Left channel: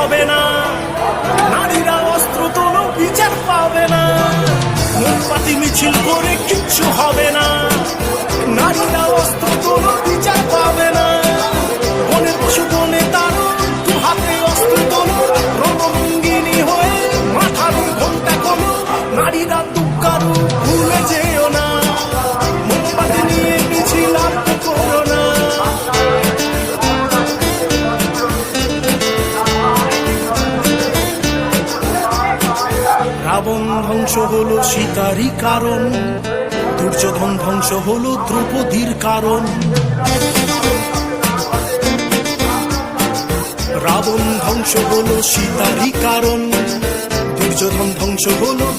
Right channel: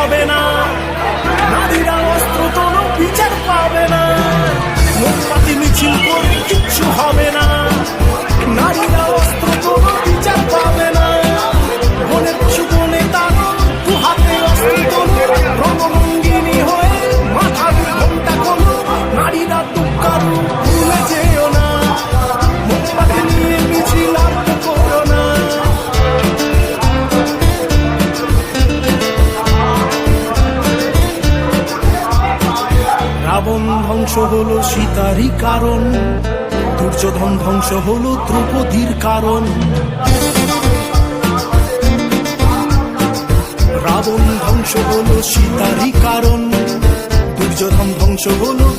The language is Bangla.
হবে না, নারীরা অস্ত্র তোলো বিচার পাবে না, মোমবাতি মিছিল করে কিচ্ছু হবে না, নারীরা অস্ত্র তোলো বিচার পাবে না, বনের পশু বনে তারো দু হাতে অস্ত্র তোলো, রণরঙ্গিনী হয়ে মাথার ঘোমটা খোলো, নারীরা দুঃখারু ভুলে যেও না, মোমবাতি নিয়ে মিছিল আর তো করো না। রাবণ ধ্বংস হলো সীতারই কারণ, দুর্যোধন ধ্বংস হলো দ্রৌপদীর কারণ, রাবণ ধ্বংস হলো সীতারই কারণ, দুর্যোধন ধ্বংস হলো